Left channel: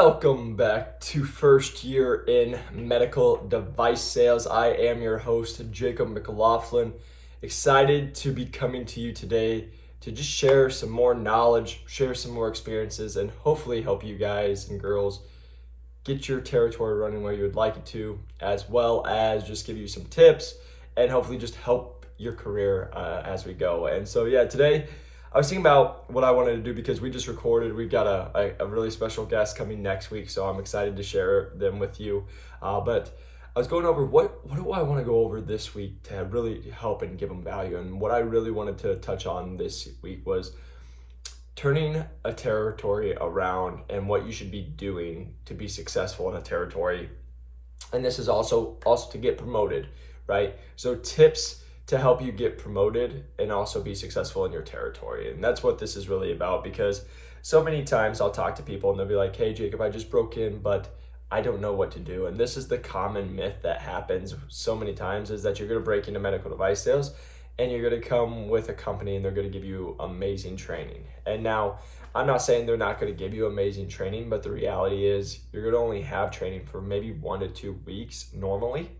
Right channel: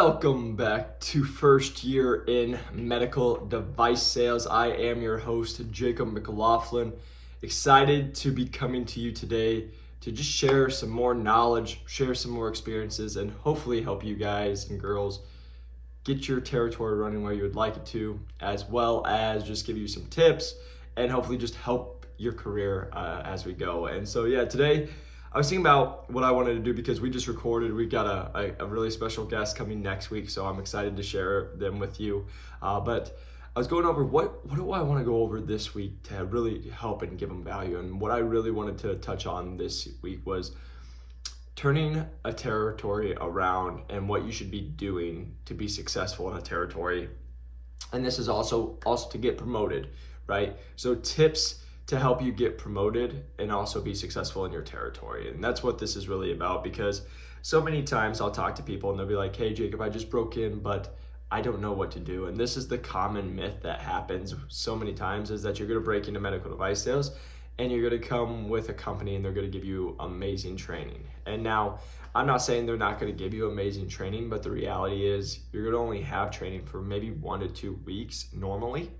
Welcome back to First Year in Medical Device Sales. I am your host, Jacob McLaughlin. Excited to be coming to you today to just share some more knowledge, share some more experiences, and hopefully help you guys and girls get your territory running where you would like it to, as well as just give you some tips and hopefully just help your career as we go. And so, today I was thinking about what I wanted to do because we just recorded. We've got a really special guest coming next week, so I'm excited to share them with you. But I was going over what do I want to go over this week to really help and give them value. And what I really wanted to touch on this week was turning a territory around and what you should be doing to be successful in a territory. And this is also to get promoted, right? So tips to help you get promoted and also be successful in your territory. And that's what this is really about, because so many times I'll talk to people and they'll be like, hey Jacob, I just broke in, but I don't know what to do. And this is the common myth that happens so many times, is that you're gonna break into medical device sales and you're gonna come with a company and they're gonna give you amazing training. And now, I'm not saying they're not gonna give you amazing training, but the reality is you're gonna only have training for maybe 1 to 2 weeks normally.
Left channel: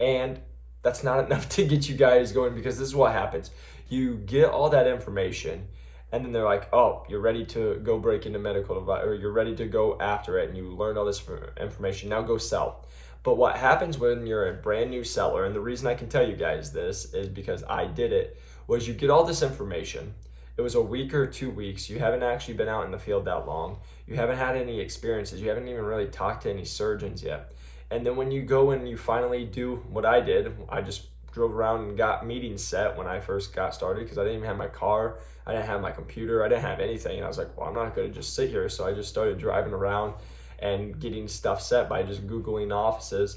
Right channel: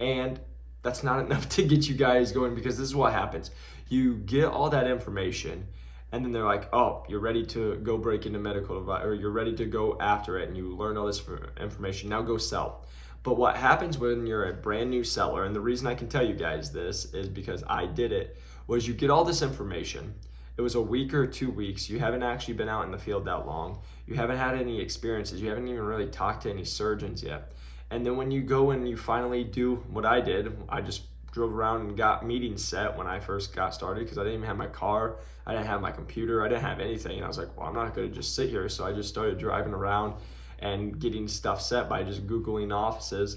And that's not enough to get you guys going, because this is what happens. You get all that information and then they're like, oh, you're ready to go break into medical device, or you're ready to go after it, and you learn all this information, now go sell. But what happens when you're a brand new seller, and the reason I can tell you guys this is because I did it, was you get all this information. It was a week or 2 weeks. You haven't actually been out in the field that long. You haven't had any experiences. You haven't even really talked to any surgeons yet. And then when you go and you finally do what I did, I just drove around and got meetings set when I first got started, because I didn't even have my car, I didn't have my computer, I didn't have anything. And I was like, well, I'm not gonna just sit here. So I just started driving around and getting stuff set by just Googling offices.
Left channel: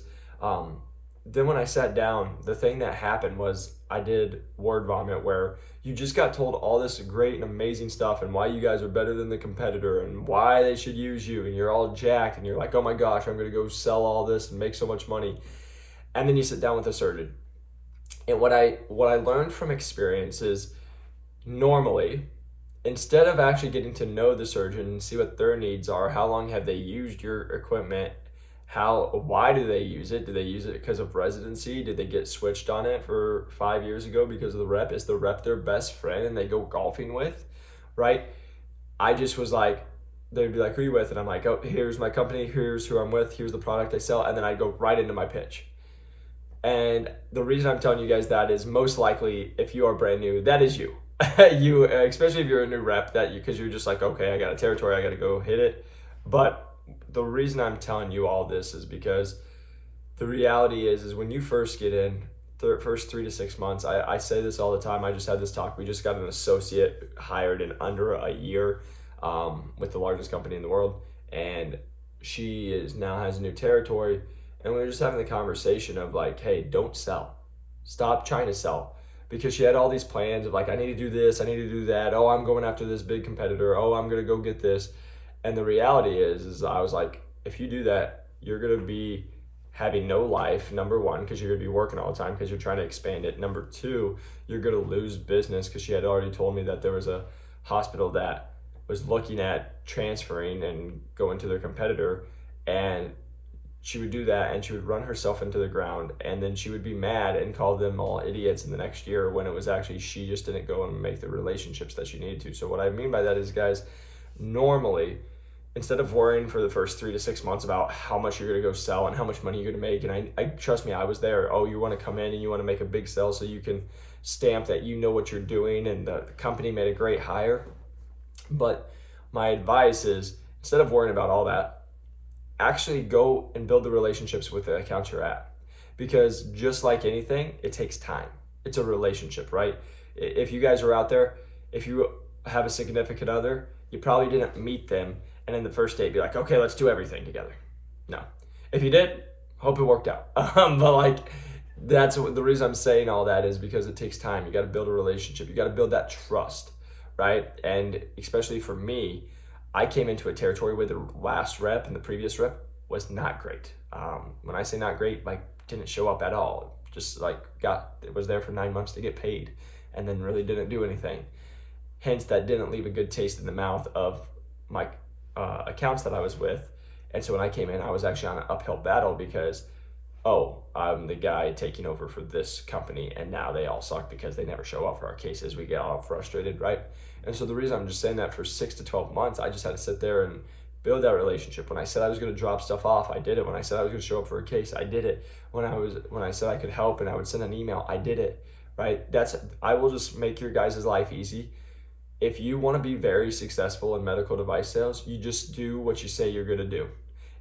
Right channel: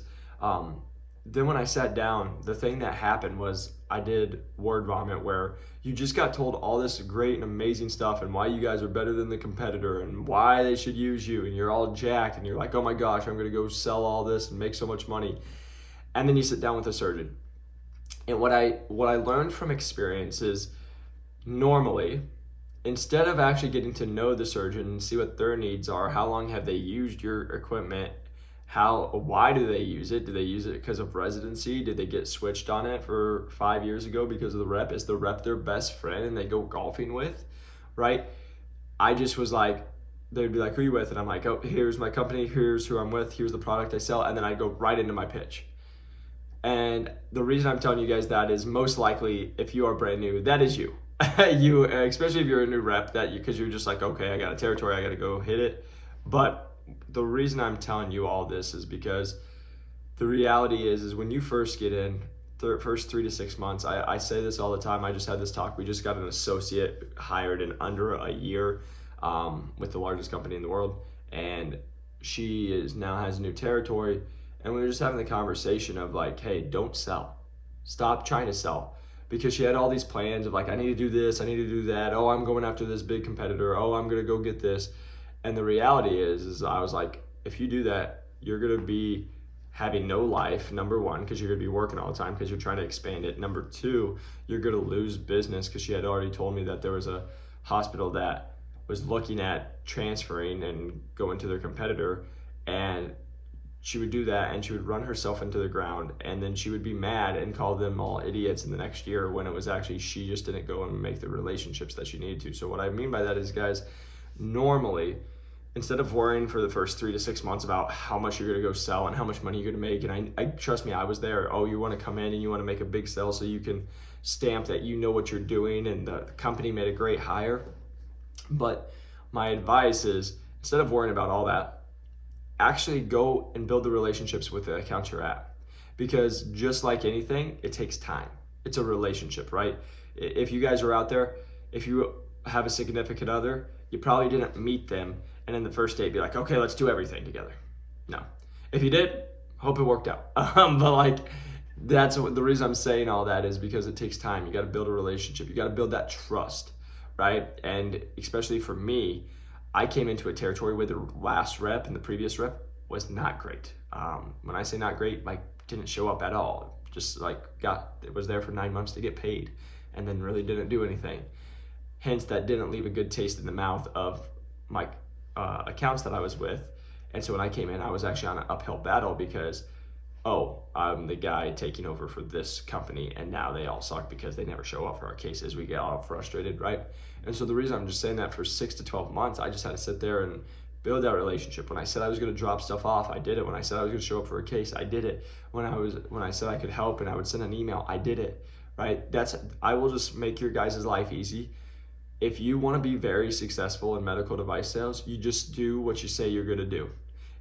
Then when I sat down, the thing that happened was I did word vomit, where you just got told all this great and amazing stuff and why you guys are better than the competitor and why they should use you, and you're all jacked and you're like, oh my gosh, I'm gonna go sell all this and make so much money. And then you sit down with a surgeon. And what I learned from experience is, normally, instead of actually getting to know the surgeon and see what their needs are, how long have they used your equipment, why do they use it? Do they use it because of residency? Did they get switched on it for 5 years ago because of the rep? Is the rep their best friend and they go golfing with, right? I just was like, they'd be like, who are you with? And I'm like, oh, here's my company, here's who I'm with, here's the product I sell. And then I go right into my pitch. And the reason I'm telling you guys that is, most likely, if you are brand new, that is you. You, especially if you're a new rep, because you're just like, okay, I got a territory, I got to go hit it. But the reason I'm telling you all this is because the reality is when you first get in, the first 3 to 6 months, I say this all the time. I just had this talk. We just got an associate hired in under a year with the largest company in the world, and she now has a new territory. And we were just having the conversation of like, hey, don't sell. Stop trying to sell. Because she had all these plans of like, I need to do this, I need to do that. Oh, I'm going after this big competitor. Oh, I'm going to go get this. And the reality is I was like, if you do that, you're going to be having no life, number one, because you're going to be working all the time because you're trying to expand it. Number two, you're going to lose business, because she had already told me that there was a hospital that was looking at transferring and going to their competitor, and she would do that and she would run herself into the ground, and then she would be mad and call them all idiots in the next year, when it was actually she just didn't go and make the relationships that she needed to. So what I mean by that is, guys, normally, instead of worrying for the first 3 to 6 months about how much you're gonna go sell and how much money you're gonna make, and I trust me, I was there. Oh, you wanna come in and you wanna make a big sale so you can stamp that you know what you're doing and the company made a great hire. But my advice is, instead of worrying about all that, actually go and build the relationships with the accounts you're at. Because just like anything, it takes time. It's a relationship, right? If you guys are out there, if you have a significant other, you probably didn't meet them and in the first date be like, okay, let's do everything together. No. If you did, hope it worked out. But like, that's the reason I'm saying all that is because it takes time. You got to build a relationship. You got to build that trust, right? And especially for me, I came into a territory where the last rep and the previous rep was not great. When I say not great, like didn't show up at all. Just like was there for 9 months to get paid and then really didn't do anything. Hence, that didn't leave a good taste in the mouth of my accounts that I was with. And so when I came in, I was actually on an uphill battle because, oh, I'm the guy taking over for this company, and now they all suck because they never show up for our cases. We get all frustrated, right? And so the reason I'm just saying that, for 6 to 12 months, I just had to sit there and build that relationship. When I said I was going to drop stuff off, I did it. When I said I was going to show up for a case, I did it. When I said I could help and I would send an email, I did it, right? I will just make your guys' life easy. If you want to be very successful in medical device sales, you just do what you say you're going to do.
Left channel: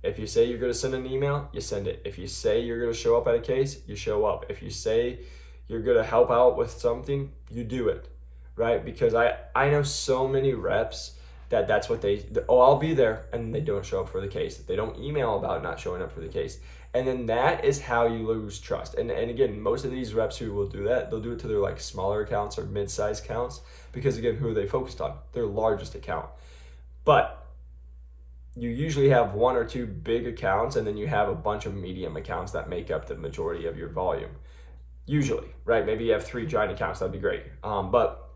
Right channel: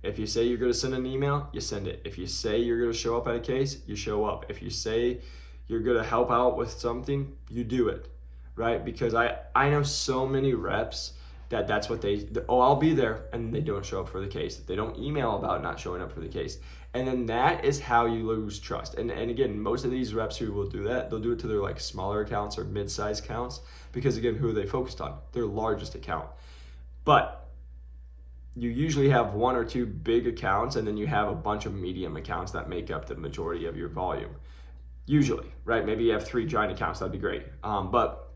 If you say you're going to send an email, you send it. If you say you're going to show up at a case, you show up. If you say you're going to help out with something, you do it, right? Because I know so many reps that's what I'll be there, and they don't show up for the case. They don't email about not showing up for the case. And then that is how you lose trust. And again, most of these reps who will do that, they'll do it to their like smaller accounts or mid-sized accounts, because again, who are they focused on? Their largest account. But you usually have 1 or 2 big accounts, and then you have a bunch of medium accounts that make up the majority of your volume. Usually, right? Maybe you have 3 giant accounts, that'd be great. But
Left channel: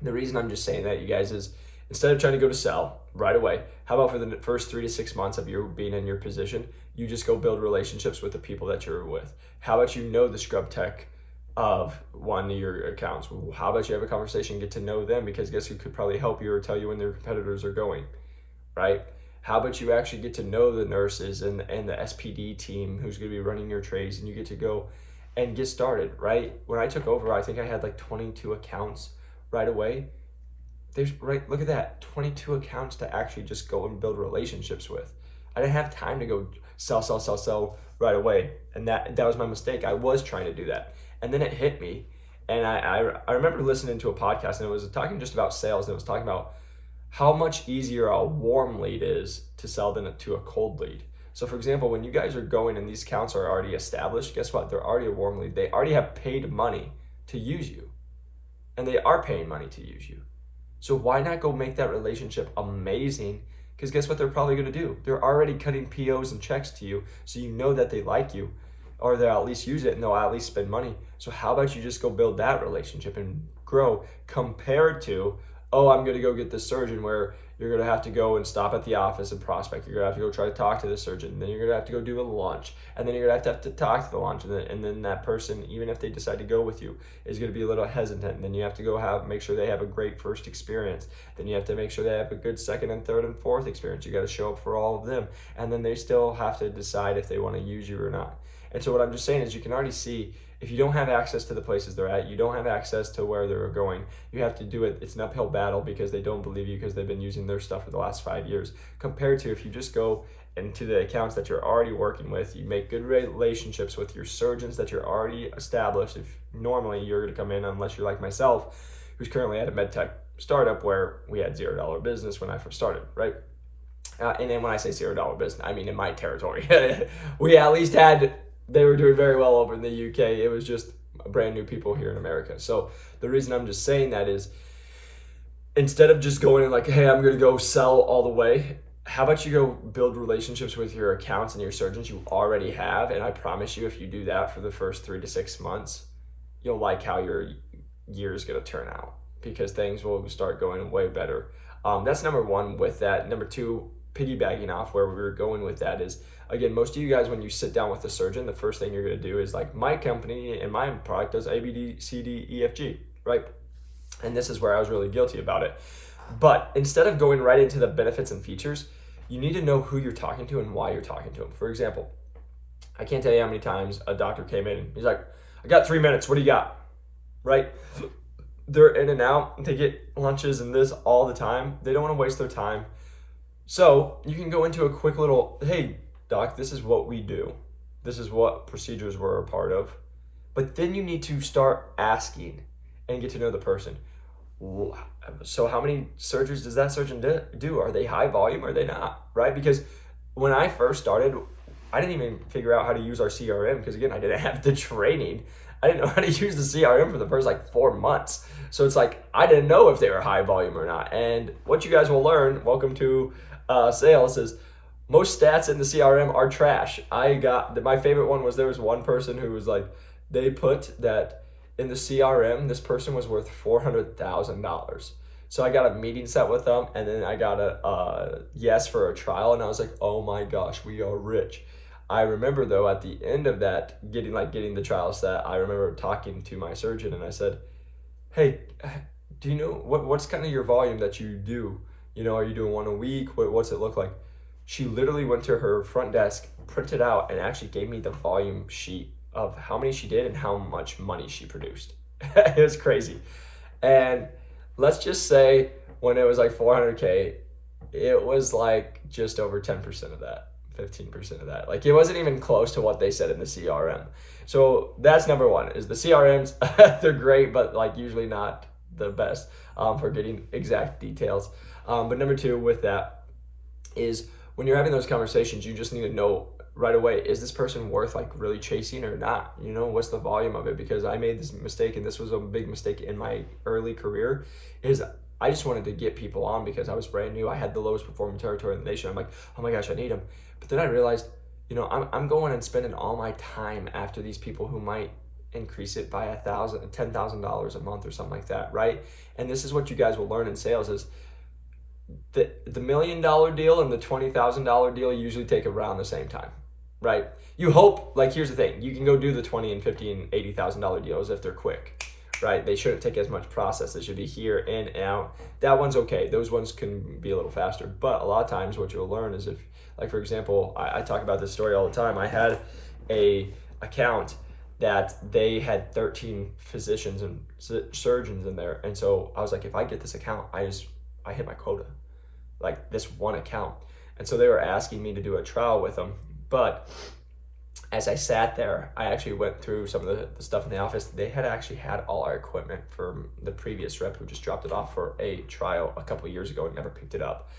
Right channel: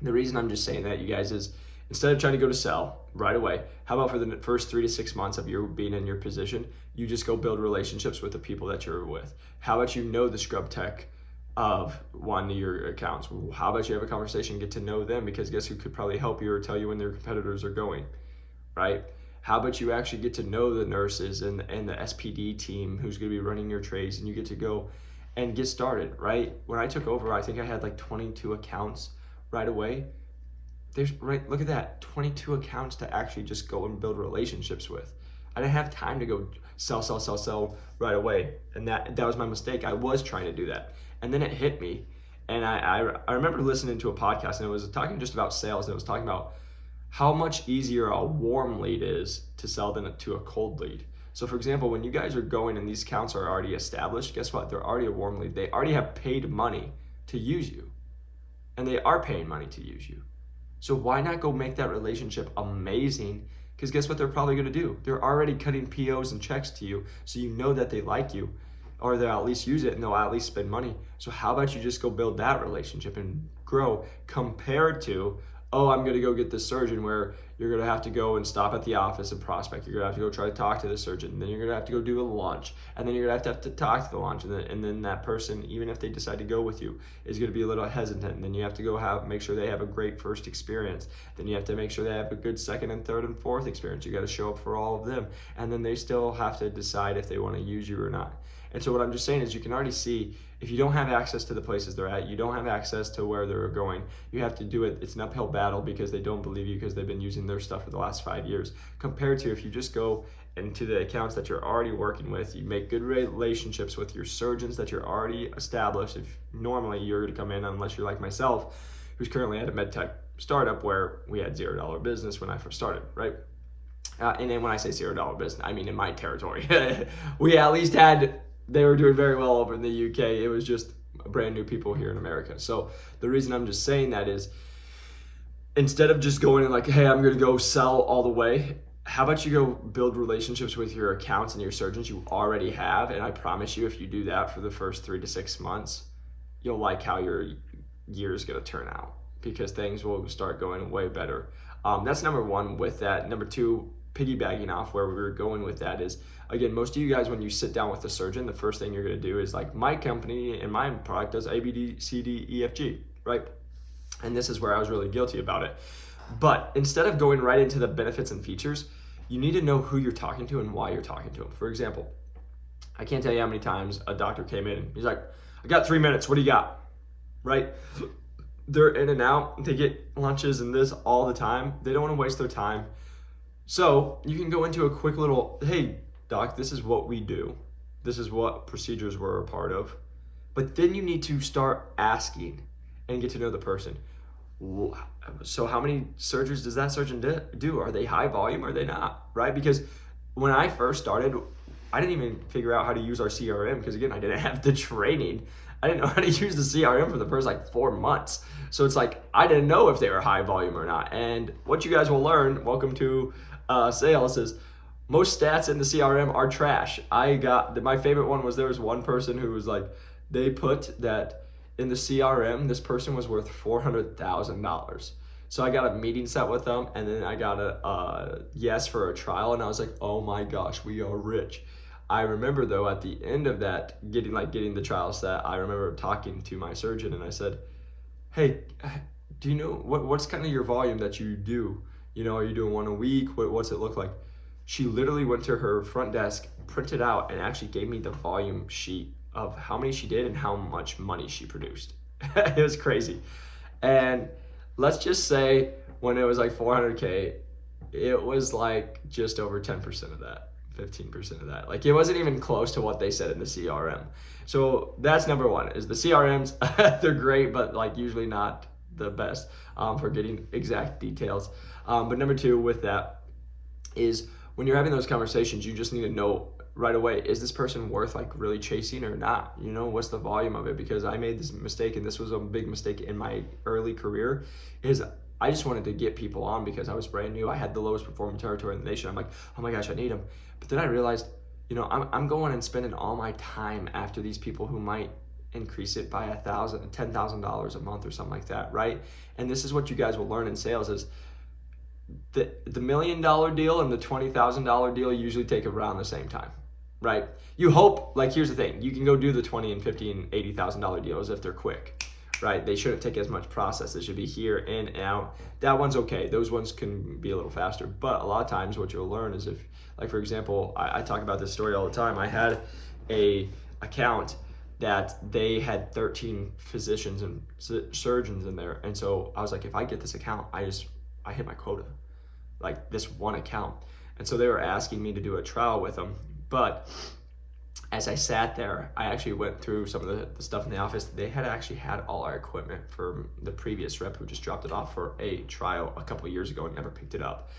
the reason I'm just saying that, you guys, is instead of trying to go to sell right away, how about for the first 3 to 6 months of you being in your position, you just go build relationships with the people that you're with. How about you know the scrub tech of one of your accounts? How about you have a conversation, get to know them, because guess who could probably help you or tell you when their competitors are going, right? How about you actually get to know the nurses and the SPD team who's going to be running your trays, and you get to go and get started, right? When I took over, I think I had like 22 accounts right away. Look at that, 22 accounts to actually just go and build relationships with. I didn't have time to go sell right away. And that was my mistake. I was trying to do that. And then it hit me. And I remember listening to a podcast, and it was talking just about sales. And it was talking about how much easier a warm lead is to sell than to a cold lead. So for example, when you guys are going and these accounts are already established, guess what? They're already a warm lead. They already have paid money to use you. And they are paying money to use you. So why not go make that relationship amazing? Because guess what they're probably going to do? They're already cutting POs and checks to you, so you know that they like you, or they'll at least use it, and they'll at least spend money. So how about you just go build that relationship and grow, compared to, oh, I'm going to go get this surgeon, where you're going to have to go and stop at the office and prospect. You're going to have to go try to talk to the surgeon. Then you're going to have to go do a lunch. And then you're going to have to talk to the lunch. And then that person, even if they decide to go with you, is going to be a little hesitant. And then you have to go make sure they have a great first experience. Then you have to make sure they have a good second and third and fourth experience. You got to show up for all of them. And then they still have to decide if they want to use you or not. And so what I'm just saying is, you can already see, if you don't have access to the places they're at, you don't have access to where they're going, you have to do it. It's an uphill battle because they don't believe you, because they've been using their stuff for the last 5 years. Compared to if you just go into the accounts that you're already working with, you make good relationships with your surgeons that you're already established. If normally you're going to come in, unless you're like myself, who's currently at a med tech startup where we had $0 business when I first started, right? And then when I say $0 business, I mean in my territory. We at least they were doing very well over in the UK. It was just brand new people here in America. So the reason I'm just saying that is, instead of just going in like, hey, I'm going to go sell all the way, how about you go build relationships with your accounts and your surgeons you already have? And I promise you, if you do that for the first 3 to 6 months, you'll like how your year is going to turn out, because things will start going way better. That's number 1 with that. Number 2, piggybacking off where we were going with that is, again, most of you guys, when you sit down with the surgeon, the first thing you're going to do is like, my company and my product does A, B, D, C, D, E, F, G, right? And this is where I was really guilty about it. But instead of going right into the benefits and features, you need to know who you're talking to and why you're talking to them. For example, I can't tell you how many times a doctor came in, he's like, I got 3 minutes, what do you got? Right? They're in and out, they get lunches and this all the time. They don't want to waste their time. So you can go into a quick little, hey, doc, this is what we do. This is what procedures we're a part of. But then you need to start asking and get to know the person. So how many surgeries does that surgeon do? Are they high volume or are they not, right? Because when I first started, I didn't even figure out how to use our CRM, because again, I didn't have the training. I didn't know how to use the CRM for the first like 4 months. So it's like, I didn't know if they were high volume or not. And what you guys will learn, welcome to sales, is most stats in the CRM are trash. My favorite one was, there was one person who was like, they put that in the CRM, this person was worth $400,000. So I got a meeting set with them, and then I got a yes for a trial, and I was like, oh my gosh, we are rich. I remember though at the end of that, getting the trial set, I remember talking to my surgeon, and I said, hey, do you know what's kind of your volume that you do? You know, are you doing one a week? What's it look like? She literally went to her front desk, printed out, and actually gave me the volume sheet of how many she did and how much money she produced. It was crazy. And let's just say when it was like 400K, it was like just over 10% of that, 15% of that. Like it wasn't even close to what they said in the CRM. So that's number one, is the CRMs, they're great, but like usually not the best for getting exact details. But number two with that is when you're having those conversations, you just need to know right away, is this person worth like really chasing or not? You know, what's the volume of it? Because I made this mistake, and this was a big mistake in my early career, is I just wanted to get people on because I was brand new. I had the lowest performing territory in the nation. I'm like, oh my gosh, I need them. But then I realized, you know, I'm going and spending all my time after these people who might increase it by $10,000 a month or something like that, right? And this is what you guys will learn in sales is the $1 million deal and the $20,000 deal usually take around the same time, right? You hope, like, here's the thing, you can go do the $20 and $50 and $80,000 deals if they're quick, right? They shouldn't take as much process. They should be here in and out. That one's okay. Those ones can be a little faster. But a lot of times what you'll learn is if, like, for example, I talk about this story all the time. I had a account that they had 13 physicians and surgeons in there. And so I was like, if I get this account, I hit my quota, like this one account. And so they were asking me to do a trial with them. But as I sat there, I actually went through some of the stuff in the office. They had actually had all our equipment from the previous rep who just dropped it off for a trial a couple of years ago and never picked it up.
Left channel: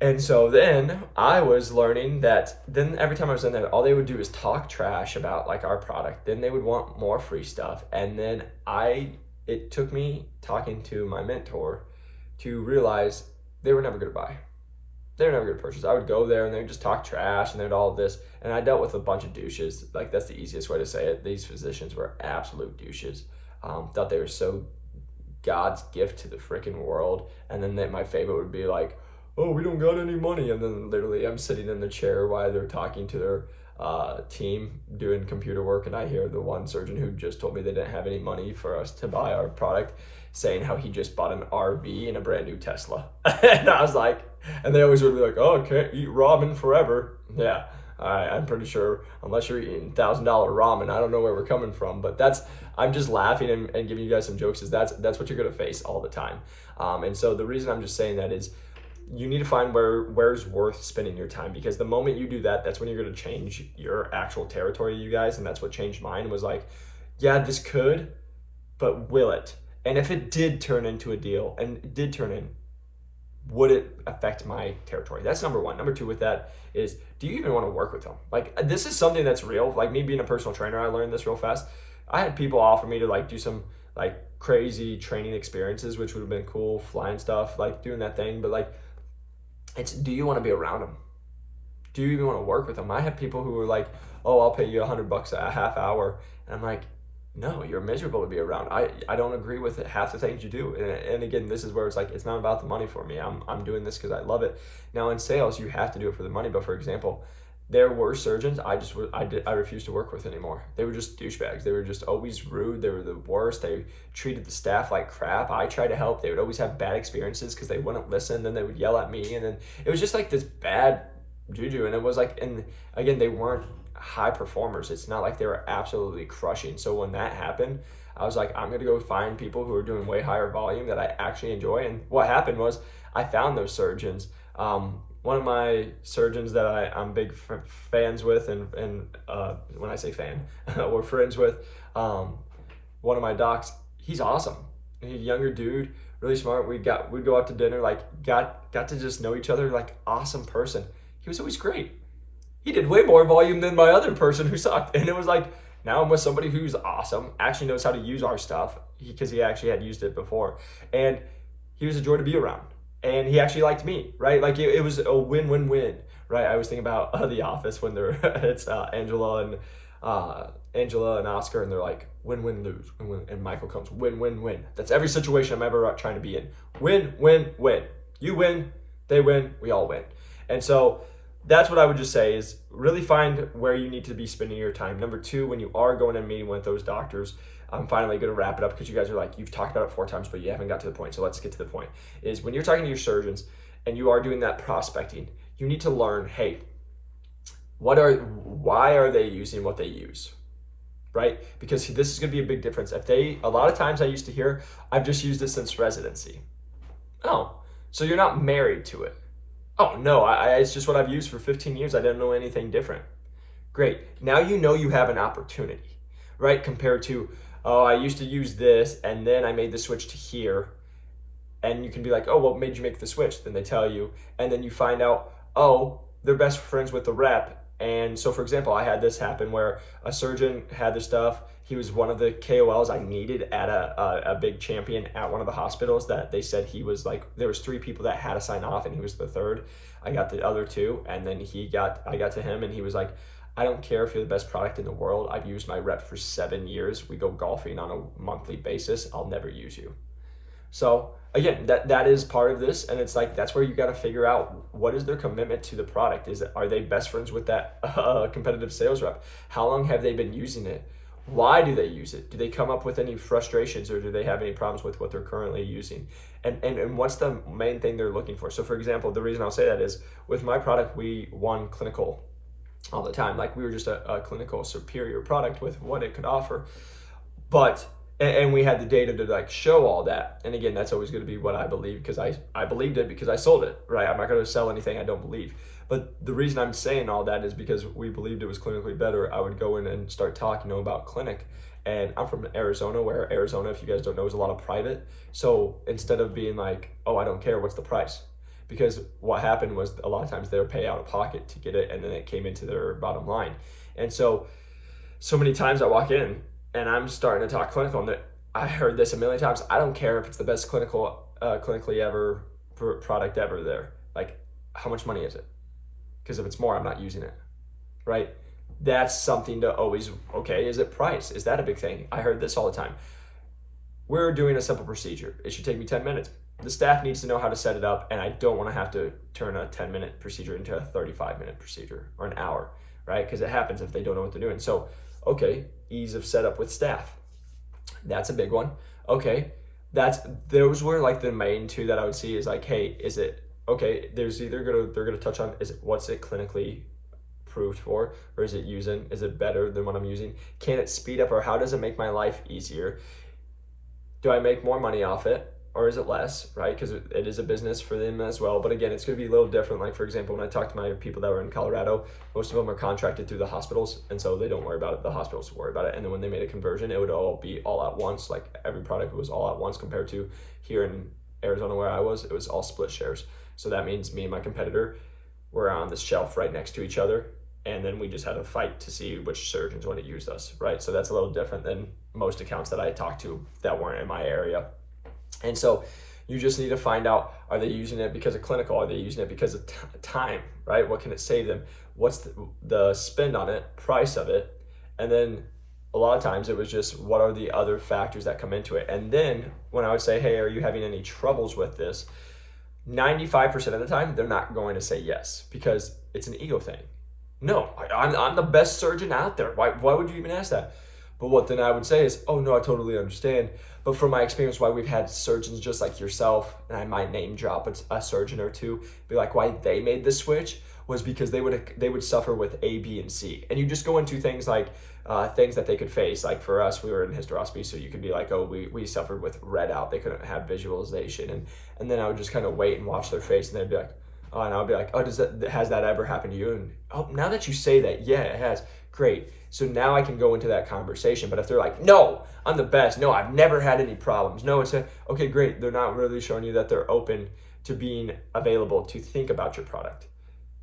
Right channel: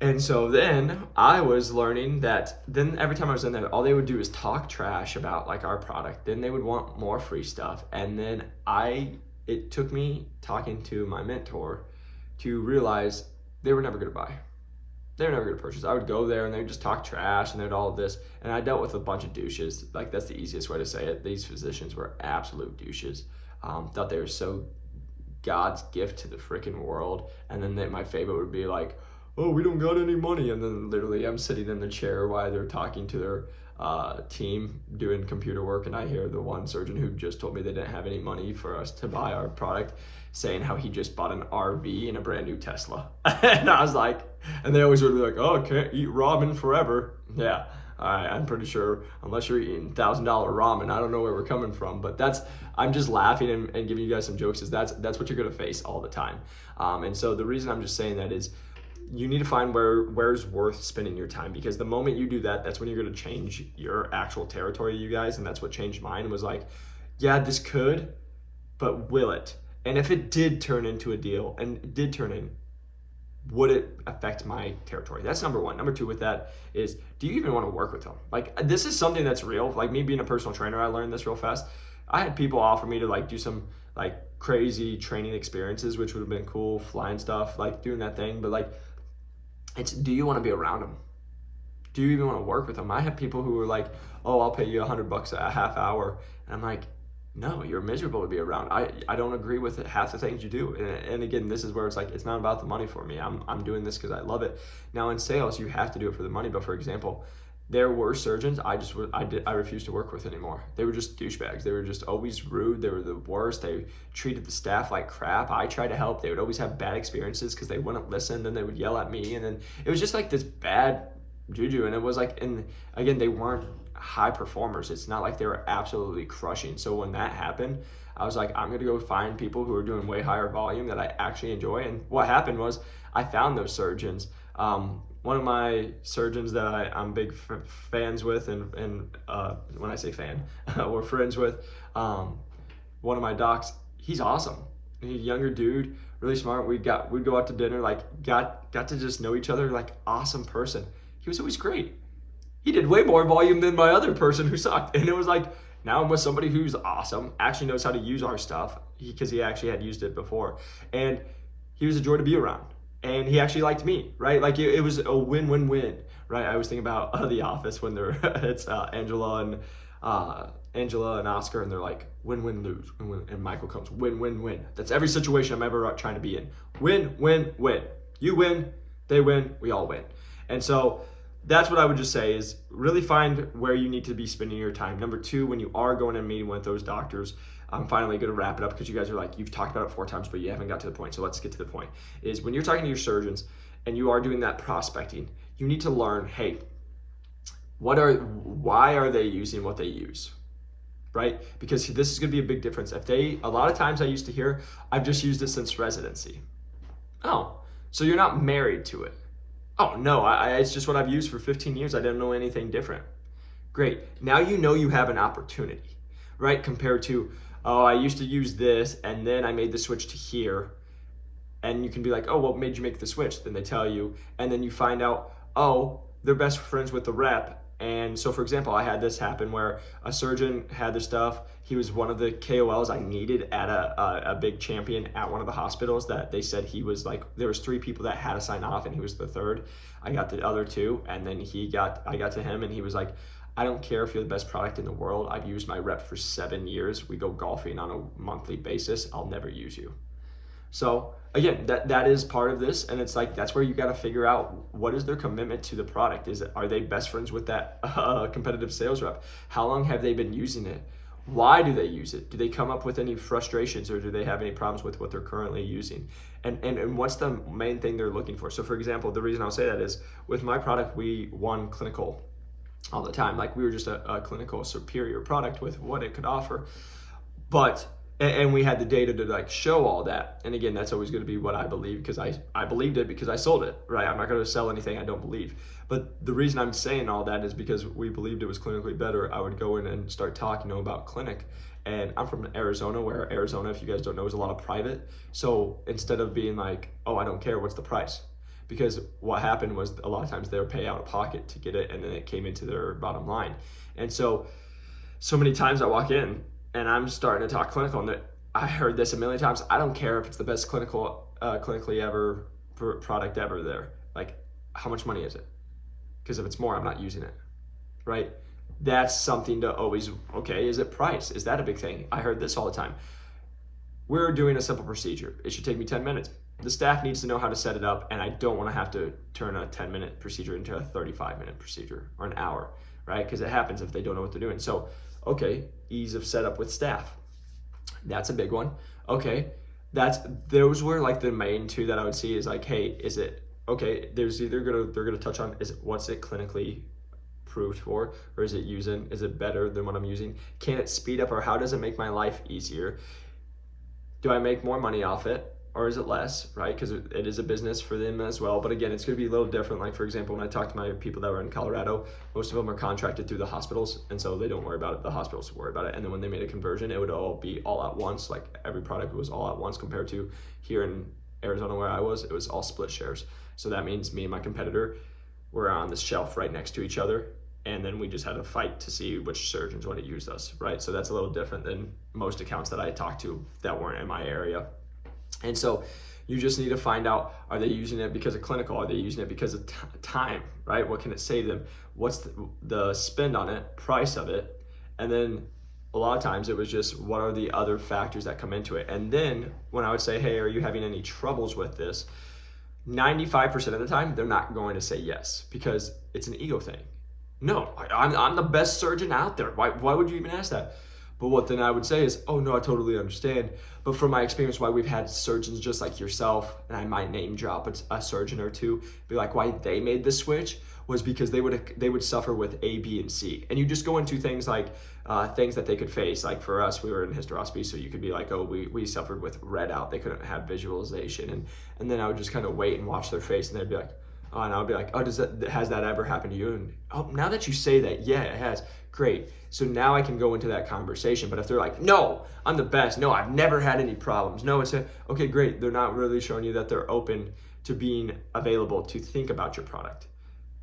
And so then I was learning that then every time I was in there, all they would do is talk trash about like our product. Then they would want more free stuff. And then it took me talking to my mentor to realize they were never going to buy. They were never going to purchase. I would go there and they would just talk trash and they'd all this. And I dealt with a bunch of douches. Like, that's the easiest way to say it. These physicians were absolute douches. Thought they were so God's gift to the freaking world. And then my favorite would be like, oh, we don't got any money. And then literally I'm sitting in the chair while they're talking to their team doing computer work. And I hear the one surgeon who just told me they didn't have any money for us to buy our product saying how he just bought an RV and a brand new Tesla. And I was like, and they always would be like, oh, can't eat ramen forever. Yeah, I'm pretty sure unless you're eating $1,000 ramen, I don't know where we're coming from. But I'm just laughing and giving you guys some jokes, is that's what you're gonna face all the time. And so the reason I'm just saying that is you need to find where's worth spending your time, because the moment you do that, that's when you're gonna change your actual territory, you guys. And that's what changed mine, was like, yeah, this could, but will it? And if it did turn into a deal, and it did turn in, would it affect my territory? That's number one. Number two with that is, do you even want to work with them? Like, this is something that's real. Like, me being a personal trainer, I learned this real fast. I had people offer me to like do some like crazy training experiences, which would have been cool, flying stuff, like doing that thing. But like, do you want to be around them? Do you even want to work with them? I have people who were like, oh, I'll pay you $100 a half hour. And I'm like, no, you're miserable to be around. I don't agree with half the things you do. And again, this is where it's like, it's not about the money for me. I'm doing this because I love it. Now in sales, you have to do it for the money. But for example, there were surgeons I refused to work with anymore. They were just douchebags. They were just always rude. They were the worst. They treated the staff like crap. I tried to help. They would always have bad experiences because they wouldn't listen. Then they would yell at me. And then it was just like this bad juju. And it was like, and again, they weren't high performers. It's not like they were absolutely crushing. So when that happened, I was like, I'm gonna go find people who are doing way higher volume that I actually enjoy. And what happened was I found those surgeons. One of my surgeons that I'm big fans with, and when I say fan, we're friends with, one of my docs, he's awesome. He's a younger dude, really smart. We'd go out to dinner, like got to just know each other, like awesome person. He was always great. He did way more volume than my other person who sucked. And it was like, now I'm with somebody who's awesome, actually knows how to use our stuff, because he actually had used it before. And he was a joy to be around. And he actually liked me, right? Like it was a win-win-win, right? I was thinking about The Office when it's Angela and Angela and Oscar, and they're like, win, win, lose, win, win. And Michael comes, win, win, win. That's every situation I'm ever trying to be in. Win, win, win. You win, they win, we all win. And so that's what I would just say is really find where you need to be spending your time. Number two, when you are going and meeting with those doctors, I'm finally going to wrap it up because you guys are like, you've talked about it 4 times, but you haven't got to the point. So let's get to the point. Is when you're talking to your surgeons and you are doing that prospecting, you need to learn, hey, why are they using what they use, right? Because this is going to be a big difference. A lot of times I used to hear, I've just used it since residency. Oh, so you're not married to it. Oh no, it's just what I've used for 15 years. I didn't know anything different. Great. Now you know you have an opportunity, right? Compared to, oh, I used to use this and then I made the switch to here. And you can be like, oh, what made you make the switch? Then they tell you, and then you find out, oh, they're best friends with the rep. And so, for example, I had this happen where a surgeon had this stuff. He was one of the KOLs I needed at a big champion at one of the hospitals that they said he was like, there was 3 people that had to sign off and he was the 3rd. I got the other 2, and then I got to him and he was like, I don't care if you're the best product in the world. I've used my rep for 7 years. We go golfing on a monthly basis. I'll never use you. So again, that is part of this, and it's like that's where you got to figure out what is their commitment to the product. Are they best friends with that competitive sales rep? How long have they been using it? Why do they use it? Do they come up with any frustrations, or do they have any problems with what they're currently using? And what's the main thing they're looking for? So for example, the reason I'll say that is with my product, we won clinical all the time. Like we were just a clinical superior product with what it could offer. And we had the data to like show all that. And again, that's always going to be what I believe because I believed it because I sold it, right? I'm not going to sell anything I don't believe. But the reason I'm saying all that is because we believed it was clinically better. I would go in and start talking about clinic. And I'm from Arizona, where Arizona, if you guys don't know, is a lot of private. So instead of being like, oh, I don't care, what's the price? Because what happened was a lot of times they would pay out of pocket to get it, and then it came into their bottom line. And so many times I walk in, and I'm starting to talk clinical, and I heard this a million times. I don't care if it's the best clinically ever product ever there. Like, how much money is it? Because if it's more, I'm not using it, right? That's something to always, okay, is it price? Is that a big thing? I heard this all the time. We're doing a simple procedure. It should take me 10 minutes. The staff needs to know how to set it up, and I don't want to have to turn a 10-minute procedure into a 35-minute procedure or an hour, right? Because it happens if they don't know what they're doing. So, okay, ease of setup with staff. That's a big one. Okay, those were like the main 2 that I would see is like, hey, is it okay? They're gonna touch on what's it clinically approved for, or is it better than what I'm using? Can it speed up, or how does it make my life easier? Do I make more money off it, or is it less, right? Because it is a business for them as well. But again, it's going to be a little different. Like, for example, when I talk to my people that were in Colorado, most of them are contracted through the hospitals. And so they don't worry about it. The hospitals worry about it. And then when they made a conversion, it would all be all at once. Like every product was all at once, compared to here in Arizona where I was, it was all split shares. So that means me and my competitor were on this shelf right next to each other. And then we just had a fight to see which surgeons would have used us, right? So that's a little different than most accounts that I talked to that weren't in my area. And so you just need to find out, are they using it because of clinical? Are they using it because of time, right? What can it save them? What's the spend on it, price of it? And then a lot of times it was just, what are the other factors that come into it? And then when I would say, hey, are you having any troubles with this? 95% of the time, they're not going to say yes, because it's an ego thing. No, I'm the best surgeon out there. Why would you even ask that? But what then I would say is, oh no, I totally understand. But from my experience, why we've had surgeons just like yourself, and I might name drop a surgeon or two, be like, why they made the switch was because they would suffer with A, B, and C. And you just go into things like things that they could face. Like for us, we were in hysteroscopy, so you could be like, oh, we suffered with red out. They couldn't have visualization. And then I would just kind of wait and watch their face, and they'd be like, oh, and I would be like, oh, has that ever happened to you? And oh, now that you say that, yeah, it has. Great. So now I can go into that conversation. But if they're like, no, I'm the best. No, I've never had any problems. No, it's okay, great. They're not really showing you that they're open to being available to think about your product,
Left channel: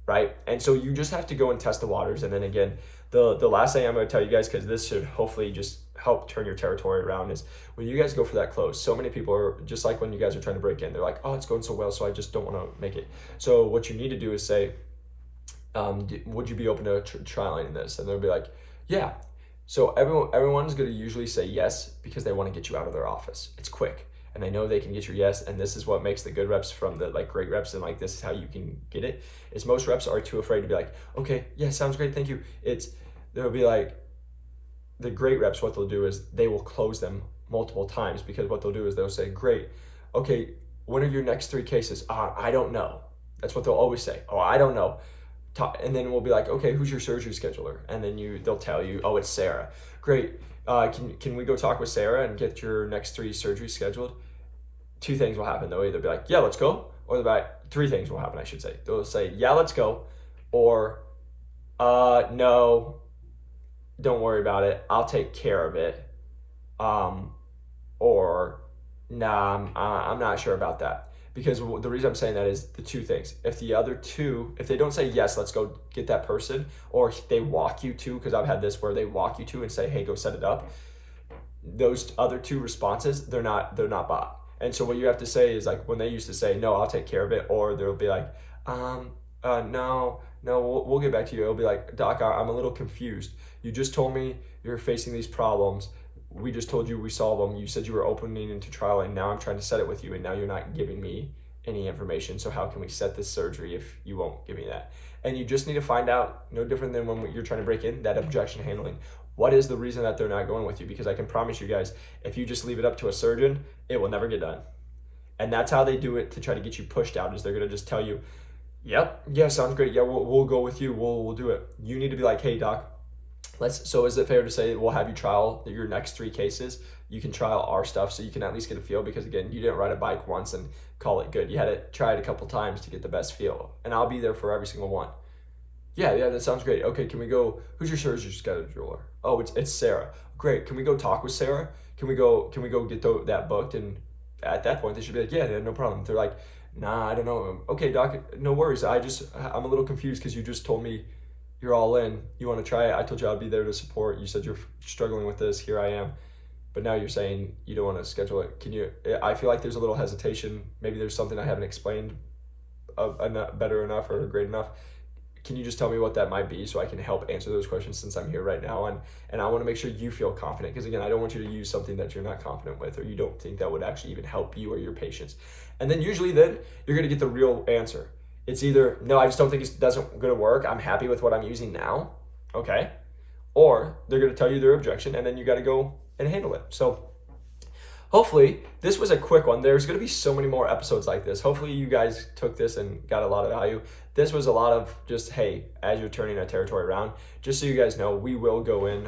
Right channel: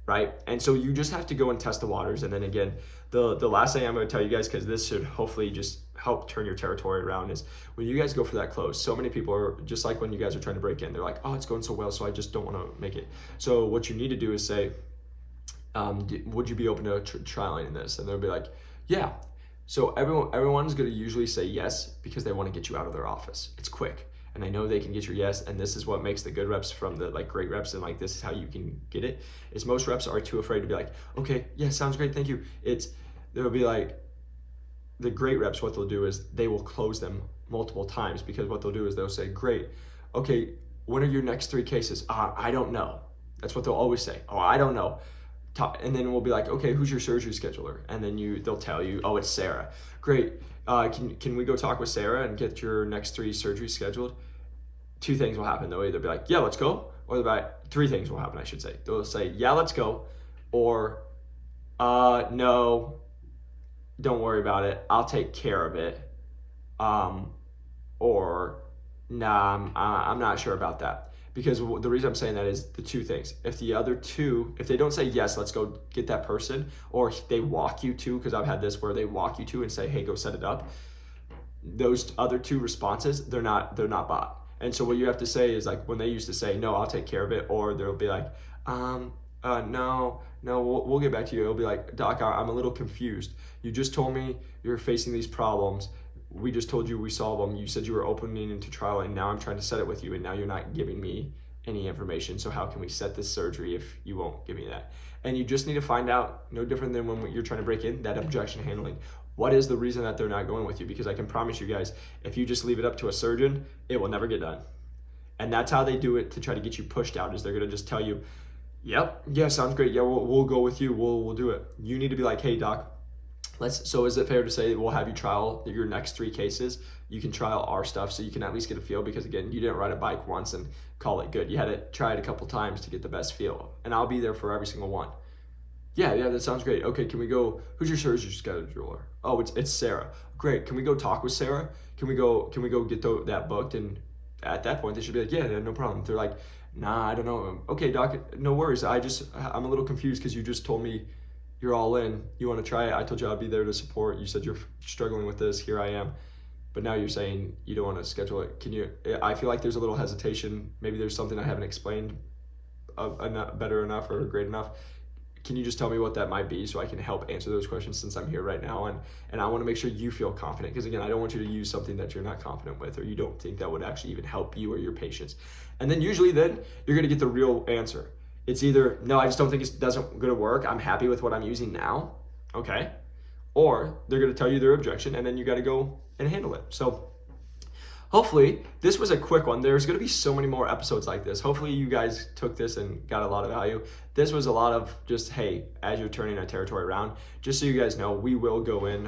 right? And so you just have to go and test the waters. And then again, the last thing I'm going to tell you guys, because this should hopefully just help turn your territory around, is when you guys go for that close, so many people are just like when you guys are trying to break in, they're like, oh, it's going so well, so I just don't want to make it. So what you need to do is say, would you be open to trialing this? And they'll be like, yeah. So everyone's going to usually say yes because they want to get you out of their office. It's quick and they know they can get your yes, and this is what makes the good reps from the like great reps, and like this is how you can get it. Is most reps are too afraid to be like, okay, yeah, sounds great, thank you. They'll be like, the great reps, what they'll do is they will close them multiple times, because what they'll do is they'll say, great, okay, when are your next 3 cases? I don't know. That's what they'll always say. Oh, I don't know. And then we'll be like, okay, who's your surgery scheduler? And then they'll tell you, oh, it's Sarah. Great. Can we go talk with Sarah and get your next 3 surgeries scheduled? 2 things will happen. They'll either be like, yeah, let's go, or they'll be like, 3 things will happen, I should say. They'll say, yeah, let's go, or no, don't worry about it, I'll take care of it, or nah, I'm not sure about that. Because the reason I'm saying that is the 2 things. If the other 2, if they don't say, yes, let's go get that person, or they walk you to, because I've had this where they walk you to and say, hey, go set it up, those other 2 responses, they're not bought. And so what you have to say is, like, when they used to say, no, I'll take care of it, or they'll be like, no, we'll get back to you. It'll be like, doc, I'm a little confused. You just told me you're facing these problems. We just told you we solve them. You said you were opening into trial, and now I'm trying to set it with you, and now you're not giving me any information. So how can we set this surgery if you won't give me that? And you just need to find out, no different than when you're trying to break in, that objection handling. What is the reason that they're not going with you? Because I can promise you guys, if you just leave it up to a surgeon, it will never get done. And that's how they do it to try to get you pushed out, is they're going to just tell you, yep, yeah, sounds great. Yeah, we'll go with you. We'll do it. You need to be like, hey, doc, so is it fair to say we'll have you trial your next 3 cases? You can trial our stuff so you can at least get a feel, because again, you didn't ride a bike once and call it good. You had to try it a couple times to get the best feel, and I'll be there for every single one. Yeah, that sounds great. Okay, can we go, who's your surgery scheduler? Oh, it's Sarah. Great, can we go talk with Sarah? Can we go get that booked? And at that point, they should be like, yeah, no problem. They're like, nah, I don't know. Okay, doc, no worries. I'm a little confused because you just told me you're all in. You want to try it? I told you I'd be there to support. You said you're struggling with this. Here I am. But now you're saying you don't want to schedule it. I feel like there's a little hesitation. Maybe there's something I haven't explained better enough or great enough. Can you just tell me what that might be so I can help answer those questions, since I'm here right now? And I want to make sure you feel confident, because again, I don't want you to use something that you're not confident with, or you don't think that would actually even help you or your patients. And then usually then you're going to get the real answer. It's either, no, I just don't think it's going to work. I'm happy with what I'm using now. Okay. Or they're going to tell you their objection, and then you got to go and handle it. So hopefully this was a quick one. There's going to be so many more episodes like this. Hopefully you guys took this and got a lot of value. This was a lot of just, hey, as you're turning a territory around, just so you guys know, we will go in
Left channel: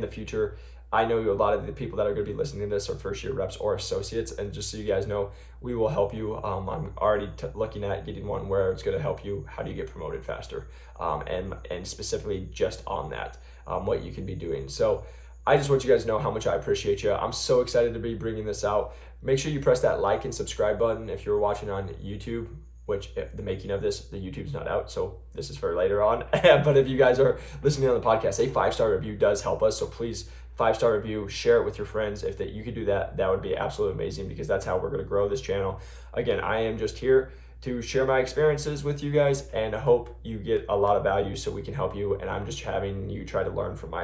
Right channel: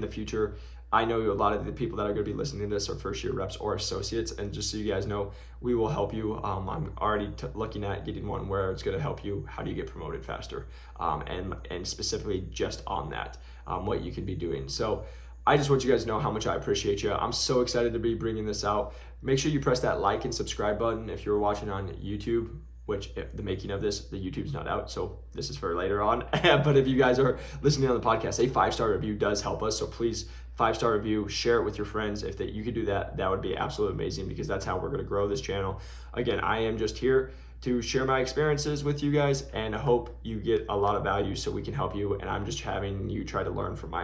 the future. I know a lot of the people that are going to be listening to this are first year reps or associates, and just so you guys know, we will help you. I'm already looking at getting one where it's going to help you. How do you get promoted faster? And specifically just on that, what you can be doing. So I just want you guys to know how much I appreciate you. I'm so excited to be bringing this out. Make sure you press that like and subscribe button if you're watching on YouTube, which the making of this, the YouTube's not out, so this is for later on. But if you guys are listening on the podcast, a 5-star review does help us. So please, 5-star review, share it with your friends. If you could do that, that would be absolutely amazing, because that's how we're going to grow this channel. Again, I am just here to share my experiences with you guys, and I hope you get a lot of value so we can help you. And I'm just having you try to learn from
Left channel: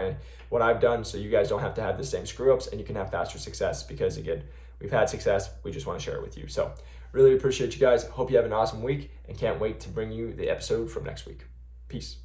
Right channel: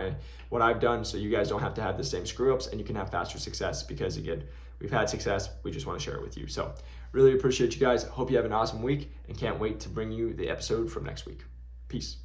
what I've done, so you guys don't have to have the same screw ups, and you can have faster success, because again, we've had success. We just want to share it with you. So really appreciate you guys. Hope you have an awesome week, and can't wait to bring you the episode from next week. Peace.